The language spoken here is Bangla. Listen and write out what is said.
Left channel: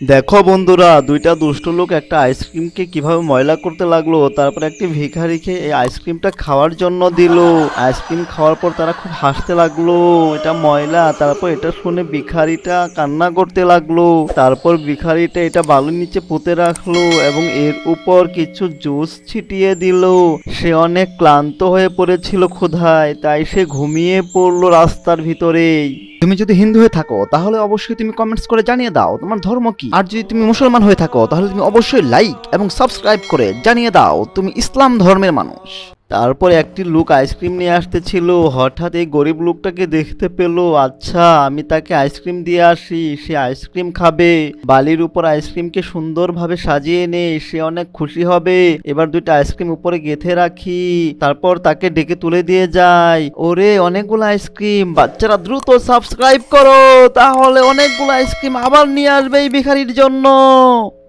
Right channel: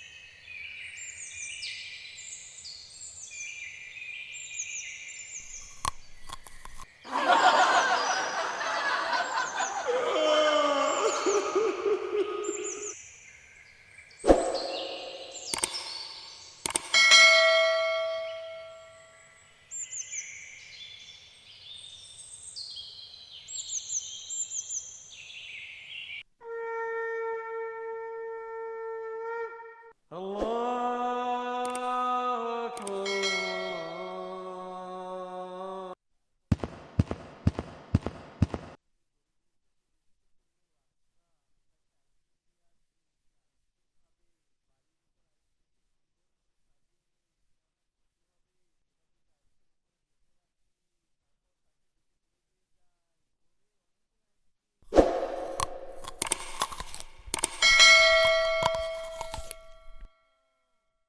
দেখো বন্ধুরা, দুইটা দুষ্ট লোক একটা আইসক্রিমকে কিভাবে ময়লা করতে লাগলো। তারপর একটি ভিখারিকে এই আইসক্রিমটা খাওয়ার জন্য দিল। আইসক্রিম খাওয়ার পর তারা খুব হাসতে লাগলো, এটা ময়লা। তারপর এটা শুনে ভিখারিটা কান্না করতে লাগলো। তারপর ভিখারিটা এটা বালুর নিচে পুঁতে রাখলো এবং এর উপর কিছু জুস ছিটিয়ে দিল। সে অনেক ক্লান্ত হয়ে পড়েছিল ক্ষুধায়, তাই সে ঘুমিয়ে পড়লো রাস্তার ভিতরেই। তুমি যদি হিন্দু হয়ে থাকো তাহলে অবশ্যই তুমি কমেন্টস করে জানিয়ে দাও তোমার ধর্ম কি। আর যদি তুমি মুসলমান হয়ে থাকো তাহলে তুমি অবশ্যই লাইক এবং সাবস্ক্রাইব করে জানিয়ে দাও তুমি ইসলাম ধর্মের মানুষ। তারপর একটি লোক আইসক্রিম নিয়ে আসতেছিল, হঠাৎ এই গরিব লোকটাকে দেখতে পেল। আচ্ছা, আমি তাকে আইসক্রিম দিয়ে আসি, সে আইসক্রিম খাবে। বালির উপর আইসক্রিমকে সুন্দরভাবে সাজিয়ে নে, সে অনেক খুশি হবে। এবার দুইটা আইসক্রিম উপরে গেঁথে রাখি, তারপর তাকে ডেকে তুলে দিয়ে যাই। ওরে অনেকগুলো আইসক্রিম, বাচ্চারা দ্রুত সাবস্ক্রাইব করো, তাহলে অনেকগুলো আইসক্রিম আবার নিয়ে আসবে এই ভিখারির জন্য।